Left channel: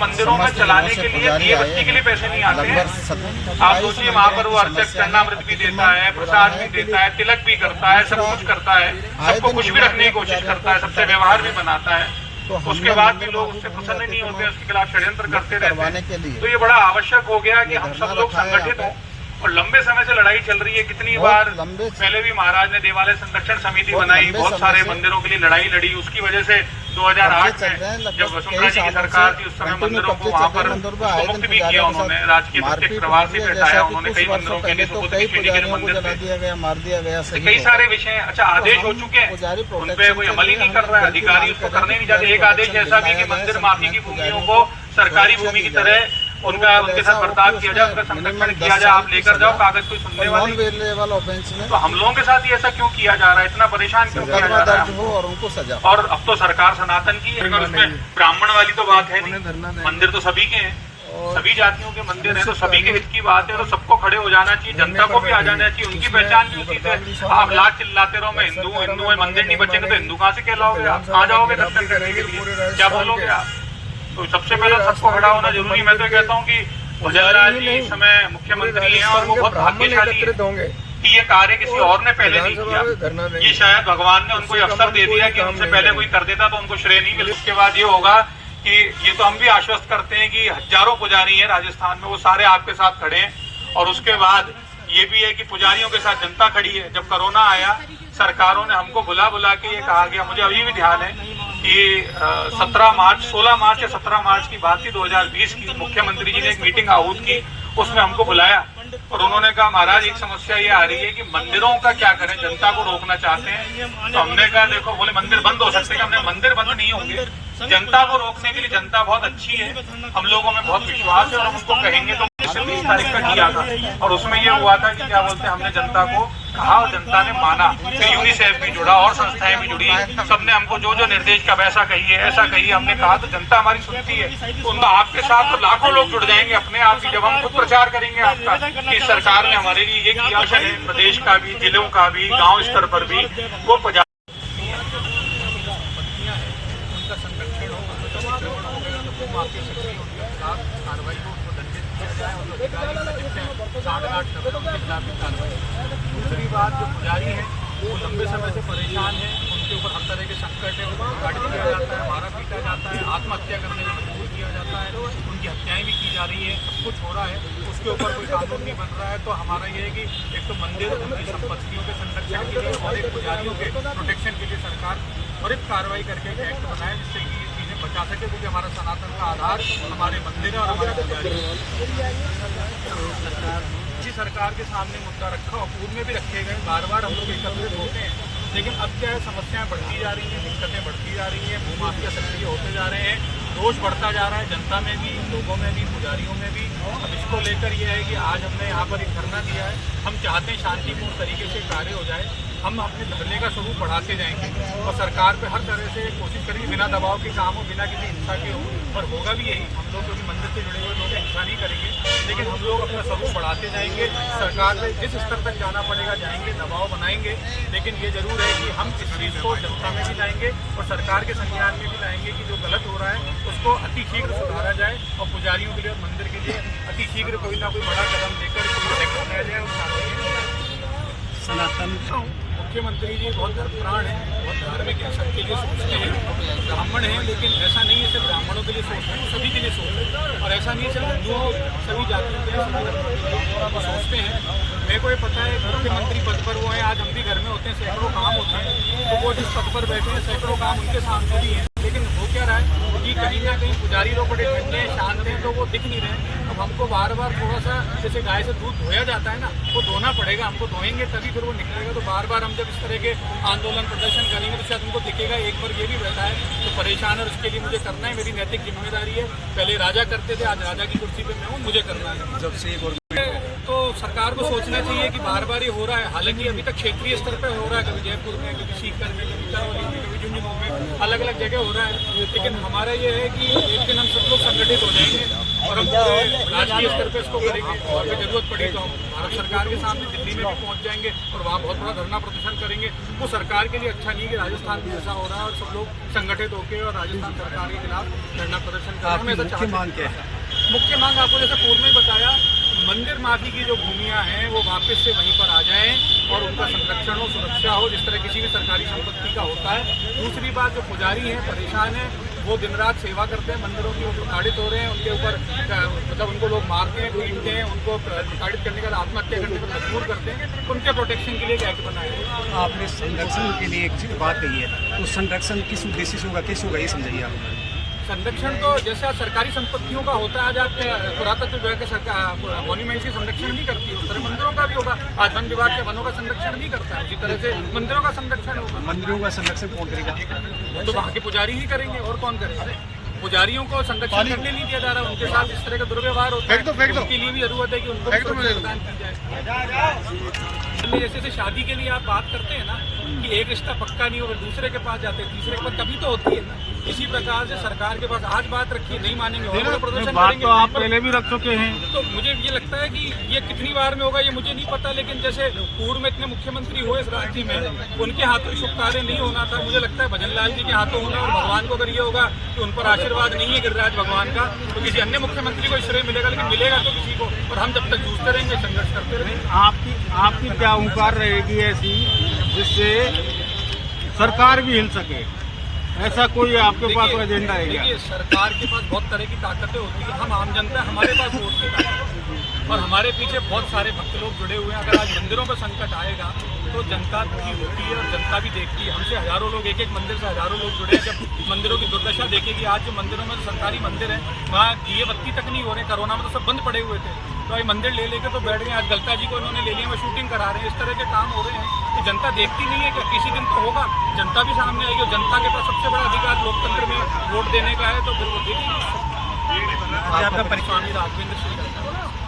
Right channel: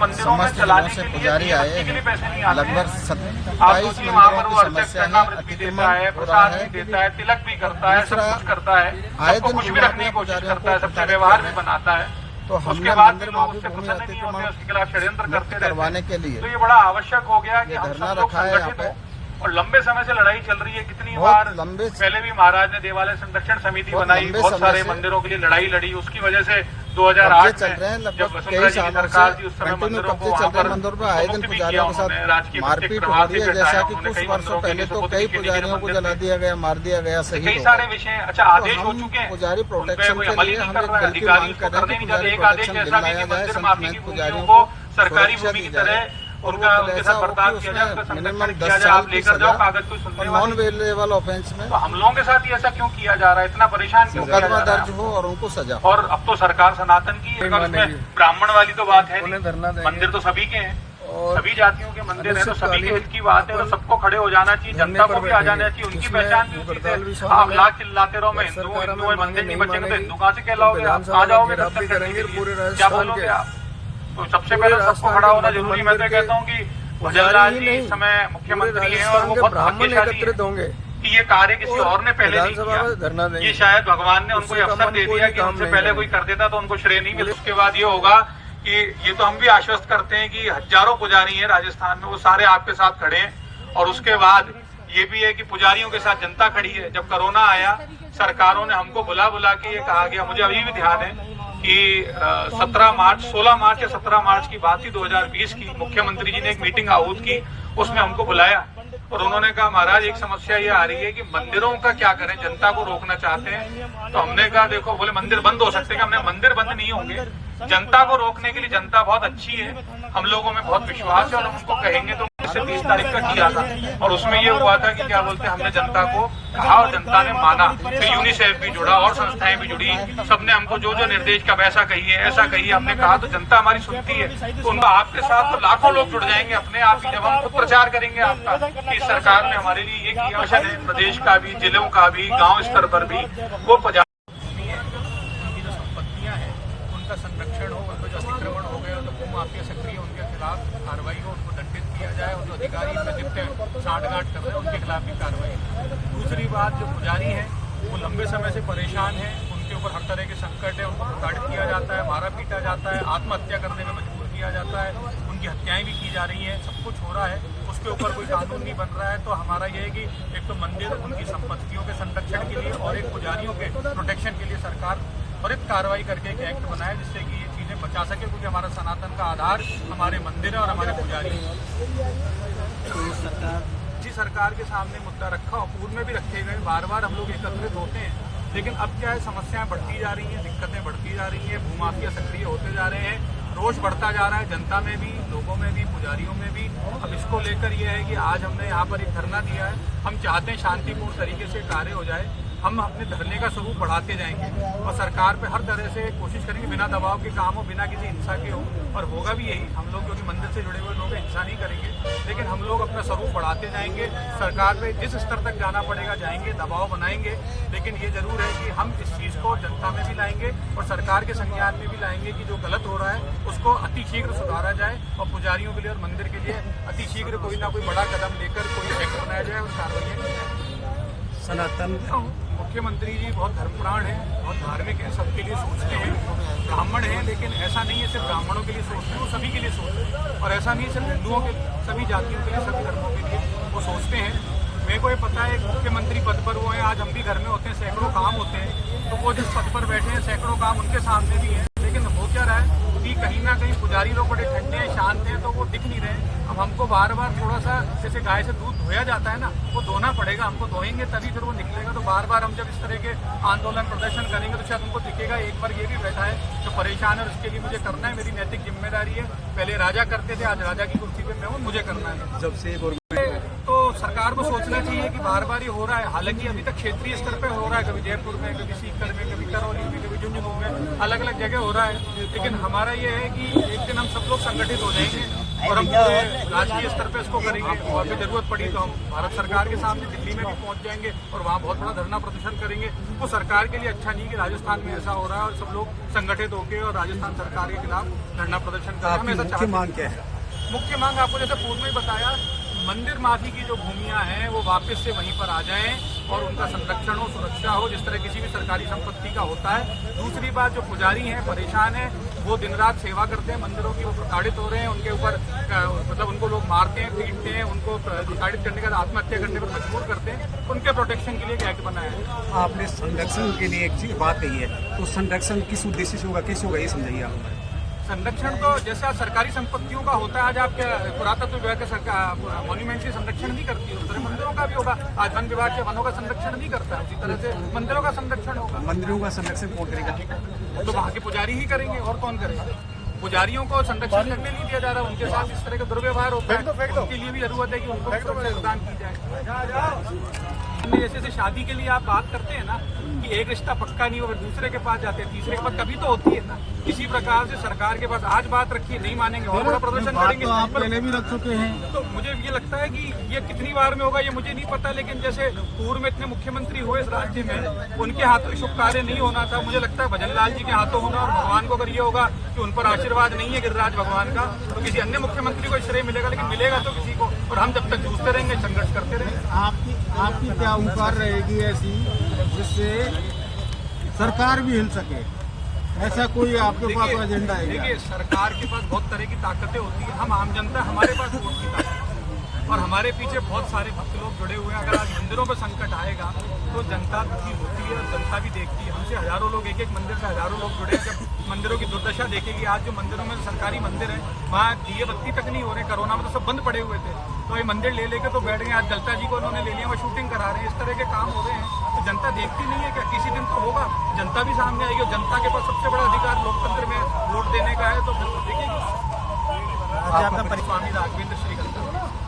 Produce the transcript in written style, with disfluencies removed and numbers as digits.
मंदिरों में चलाने के लिए बत्ती के लिए पैसे नहीं आते हैं। आप सोचिए वहाँ पर वो अर्चक चरणामृत भी देता है, प्रसाद भी देता है, तिलक भी करता है, सब कुछ करता है, सबको कुछ भी रखने की कोशिश करता है, सबसे व्यवहार भी बनाता है। तो उसके बाद भी लोग उससे प्रसन्न नहीं होते, उसके खिलाफ षड्यंत्र करते रहते हैं। तो ये बड़ा आवश्यक हो गया कि हम सब लोग संगठित हों। और लंबे समय से लड़ाई चल रही है, कितनी बार पहले भी महाराज ने देवालय संरक्षण समिति बनाई, बहुत सारे मंदिरों के लिए लड़ाई लड़ी। उसकी वजह से 2008 में जब वसुंधरा जी की सरकार थी, उस समय मंदिरों को वहाँ पर मुक्त भी किया उन्होंने, राजकीय प्रत्येक प्रवाह से भी हटाया उन्होंने, कई मंदिरों के लिए जला दिया गया, मार दिया गया। कई सारे विषय अच्छा आदेश हो चुके हैं, उन पे कोई अमल ही नहीं कर रहा है, अधिकारी उसको करने नहीं चाहते। एक आदेश ऐसा भी कि मंदिर माफी की भूमियों को सरकारी भूमि की तरह उनके साथ बर्ताव किया जाए, उनका संरक्षण किया जाए, आप लेकर जाओ कागज कोई सुनने वाले ऑफेंस में। तो हम लोगों के साथ ही ऐसा क्यों किया जा रहा है, इतना परेशान क्यों किया जा रहा है? और उनको सजा। और अब तो सरकार सनातन की है, उसमें ब्राह्मण वाली तो बात है नहीं, मंदिर तो सभी के हैं, सभी जातियों के मंदिर है, तो सभी के हित की बात है, तो सबको खड़े हो जाना चाहिए, जनता को भी आ जाना चाहिए, उनकी पहचान भी उसी से। आप लाख चिल्लाते रहो मैं हिंदू हिंदू, मंदिर नहीं बचेंगे तो हिंदू कहाँ से कहलाओगे आप? कहाँ जाओगे दर्शन करने के लिए, क्या बोलोगे आप? तो सबसे पहले सबको खड़ा होना जरूरी। मैं तो कहता हूँ कि भजनलाल जी इस समय मुख्यमंत्री हैं और वो बहुत भाग्यशाली होंगे कि ये कार्य किसी और ने पहले नहीं किया। ये शायद भगवान ने उनको अवसर दे दिया कि उनसे पहले कोई कर देता तो उनको श्रेय नहीं मिले। उसके बाद ये होगा कि ये तो हम भी आश्वस्त करते हैं कि हजारों पुजारी हैं राजस्थान में, वो सारे आपके साथ खड़े हैं। और उसके बाद ये भी है कि पुजारियों के साथ जनता खड़ी है। जब कोरोना आया, सरकारों ने हमको बुला के ये कहा गया, मुझे अभी भी ध्यान है कि 16 मार्च या 17 मार्च की बात थी 2020 की, मुख्यमंत्री जी ने एक मीटिंग आहूत की, उसमें हमको बुलाया और उन्होंने कहा महाराज एक समस्या ये आ रही है कि मंदिरों का क्या करें, जनता को रोकना चाहते हैं। तो हमने कहा देखो, बोले मंदिर बंद हो सकते हैं। हमने मंदिर बंद नहीं होंगे, जनता को रोकने के लिए जनता बहुत अच्छी है, हम लोगों में बहुत विश्वास है और हम उनको कहेंगे तो 30 तारीख का किया था। और उसमें ये हुआ था कि क्या बोलते हैं, हमने जनता को कहा और जनता ने माना। फिर यूनिसेफ भी जुड़ा और संस्थाएं भी जुड़ी, सबने हमको जो जो निर्देश का वैसा कहिए ऐसा कहिए, हमने कहा तो जनता हमारी सुनती है। तो उनका आपके साथ तो लाखों लोग जुड़ जाएंगे अपने आप ही, जब हम खुद प्रचार करेंगे आपका कि सरकार ने हमारे लिए ये किया है, प्रदेश का भी, जिलों का भी, गाँव स्तर पर भी वो संरक्षण हो, अतिक्रमण हो गए, उनको माफिया सक्रिय उनके खिलाफ कार्रवाई हो, उनको दंडित किया जाए और जो अधिकारी साठ-गांठ कर रहे हैं उनके खिलाफ भी कार्रवाई। दूसरी बात, जो पुजारी हैं वो लंबे समय से परेशान हैं, उनके ऊपर हर तरह के संकट है, उनको प्रताड़ित किया जाता है, मारा पीटा जाता है, आत्महत्या करने में मजबूर किया जाता है, उनकी हत्याएं भी की जा रही है, सब कुछ हो रहा है, उसके ऊपर कोई कानून नहीं बन रहा है। तो हमारा ये है कि एक तो मंदिर, उनकी संपत्तियों के संरक्षण के लिए और एक पुजारियों के प्रोटेक्शन के लिए सरकार त्वरित कार्रवाई करके एक एक्ट बनाए जिससे कि ये चीज़ें बचा सके, क्योंकि हमारा सनातन का आधार हमारे मंदिर है और हमारे पुजारी। इसी सरकार के सामने मुद्दा रखा और पूर्व में भी रखे गए, बार बार हम लोग एकत्रित होते हैं, लेकिन अब क्या है, समस्याएं बढ़ती जा रही हैं, दिक्कतें बढ़ती जा रही हैं, भूमाफिया सक्रिय होते जा रहे हैं, रोष बढ़ता जा रहा है, जनता में भी, लोगों में भी, पुजारियों में भी। अब इसको लेकर ये है कि आज हमने यहाँ पर एक धरना दिया है। हम चाहते हैं शांतिपूर्ण तरीके से कार्य हो जाए, हम अपने धरने का स्वरूप बढ़ाते जाएंगे और सरकार पे हर तरह से कोशिश करेंगे, बिना दबाव के काम हो, बिना किसी हिंसा के हो। और होगा भी यही, हम लोग क्योंकि मंदिर से जुड़े हुए लोग हिंसा नहीं करेंगे, लेकिन हम लोग अपना स्वरूप बढ़ाते जाएंगे। सरकार पे जिस स्तर तक जाना पड़ेगा जाएंगे, दबाव बनाएंगे, लेकिन ये जरूर है कि हम इस चीज़ को जनता में भी लाएंगे और सरकार के संज्ञान में भी लाएंगे कि जो गलत हो रहा है उसको अतिशीघ्र सुधारा जाए और पुजारियों के लिए और मंदिर के लिए अतिशीघ्र कोई ना कोई बड़ा कदम लेकर कोई एक्ट बनाया जाए और कार्रवाई। सनातन मुख्यमंत्री जी बहुत धर्मप्राण हैं, बहुत धार्मिक हैं, सबके लिए सोचते हैं, ब्राह्मण हैं, लेकिन ऐसा नहीं है सिर्फ ब्राह्मणों के लिए सोचते हैं, वो सभी के लिए सोच रहे हैं। और ऐसा नहीं है सिर्फ हिंदुओं के, सभी जातियों के लिए, सभी धर्मों के लिए वो सोचते हैं। मेरे को ये पता है मुख्यमंत्री पद पर वो हैं, आज हम भी घर में होते हैं, सैकड़ों काम होते हैं, तो वो जिस पद पर बैठे हैं सैकड़ों काम उनके सामने भी हैं, लेकिन हो क्या रहा है कि कहीं ना कहीं पुजारी लोग बड़े ठंडे हैं, शांत हैं, तो वो दिख नहीं रहे। अब हमको बार बार थोड़ा सा, जैसे गाय से दूध धोया जाता है ना, वो धोना पड़ेगा, हमको धोएंगे तभी फिर वो निकलेगा। तो बार बार हम जब इस तरह के आंदोलन प्रदर्शन करेंगे तो शायद उनको दिखेगा एक बार ये भी बैठा है तो परेशान है, उसके लिए मुझे करना है, मेरी नैतिक जिम्मेदारी है। पहले राजा करते थे, आज राजा की कुर्सी पे मैं हूँ, मुझे करना है। जब से तो सरकार को सोचना चाहिए कि बार बार ये हो रहा है। हालांकि अभी तक क्षेत्रीय स्तर पे हो रहा है, कभी जयपुर में, कभी सीकर में, कभी करौली में, कभी झुंझुनू में, अलग अलग जगह हो रहा है। लेकिन हमारा ये है कि एक दिन हम सब लोग संगठित हो जाएंगे और हम पूरे राजकीय स्तर पर इसको करेंगे और फिर जरूरत पड़ी तो हम भारत सरकार के सामने दिल्ली में भी पहुंच जाएंगे और वहाँ बहुत बड़ा धरना प्रदर्शन करेंगे। वो सरकार के लिए अच्छा नहीं कि राजस्थान में ऐसा हो रहा है और सब लोग संगठित होकर और राजस्थान सरकार के खिलाफ धरना प्रदर्शन कर रहे हैं। मुख्य मांग क्या है? मुख्य मांग आपको जैसे पूर्व में ही बताया, मंदिर माफी की जो भूमियां हैं वो वापस से वहीं पर आ जाएं और उनका संरक्षण हो, सुरक्षा हो, जिस तरह किसी भी सरकारी संपत्ति का होता है। दूसरी बात, जो पुजारी हैं परेशान हैं, वो दिन रात सेवा करते हैं मंदिरों की, वो प्रताड़ित हो रहे हैं, उनके ऊपर मतलब उनको लोग मारते हैं, पीटते हैं, उनको प्रताड़ित करने का आत्महत्या करने पर मजबूर करते हैं। उनके प्रोटेक्शन के लिए एक एक्ट बनाया है। आपने संरक्षण के लिए एक चीज बात कही है, तो संरक्षण किस उद्देश्य से होगा, किस होगा, ये समझाइए आप हमारे। संरक्षण तो जैसा सरकारी संपत्तियों का होता है, आज आप पुरातत्व विभाग का मॉन्यूमेंट की संरक्षण नहीं करती है, उस तरह मंदिरों का भी होगा। आज वन विभाग के वनों का संरक्षण नहीं करता है, उसी तरह से मंदिरों का संरक्षण होगा। मंदिरों का संरक्षण कौन करेगा? वो तो वहाँ के पुजारी ही करेंगे, और कौन करेगा? पुजारियों को संरक्षण करने नहीं दिया जा रहा है, उनके साथ इस तरह का दुर्व्यवहार होता है, उनके लिए भी जरूरत है कि उनको भी सुरक्षा प्रदान की जाए। जैसे शादी के लिए आप बात करते हैं ना कि एक रिश्ता पक्का नहीं हो, फिर दूसरे के पास जाते हैं, तीसरे के पास, कभी तो होती है ना। इसी प्रकार से सरकार के पास आज बात रखिए, नहीं मानेंगे और बड़ा प्रदर्शन करेंगे। तो आप पहले भी रख चुके हैं। तो मुझे ये लगता है कि ये कितनी बार में होगा ये मुझे नहीं पता, लेकिन जैसे पूर्व में इतने मुख्यमंत्री हुए इस राज्य में, उनके हाथों शुभ कार्य नहीं होना था। मुझे लगता है भजन लाल जी के हाथों होना, और भगवान को अगर ये होगा कि उन पर आशीर्वाद नहीं है गिरिराज भगवान का, तो किसी अन्य मुख्यमंत्री को श्रेय मिलेगा, लेकिन मिलेगा तो किसी को। और हम जब तक जूझते रहेंगे, संघर्ष करते रहेंगे। आपकी क्या हुंकार रहेगी ऐसी जिससे सरकार भी हिल सके? ऐसा कोई आपके पास एजेंडा है क्या? देखिए, सरकार के पास बहुत तरह की ताकतें होती है। हम आम जनता, हमारे पास वोट की ताकत है और हमारे पीछे बहुत सारे भक्त लोग जुड़े हुए हैं। अगर आज मंदिरों पर संकट आएगा तो जनता दुखी होती है और जनता भी देखती है। हमसे हजारों लोग, एक एक मंदिर से हजारों लोग जुड़े हैं। जब मंदिरों की दुर्दशा देखेगी, आज जो मंदिरों में जो सरकारी मंदिर है वहाँ दिए बत्ती तक नहीं हो रहे। कोरोना में तो सब बंद पड़े हुए थे, तो ये मंदिर ले लेके तो बैठ गए। आज गलता जी को इन्होंने ले लिया, वो शूटिंग करा रहे हैं। इस तरह के काम हो रहे हैं तो जनता देखती नहीं है क्या? किसी दिन तो होगा, जनता भी सामने आएगी और जनता के पास सबसे बड़ा अधिकार लोकतंत्र में वोट देने का है, तो फिर वो देखेगी। स्वामी राघवेंद्र श्री करता है।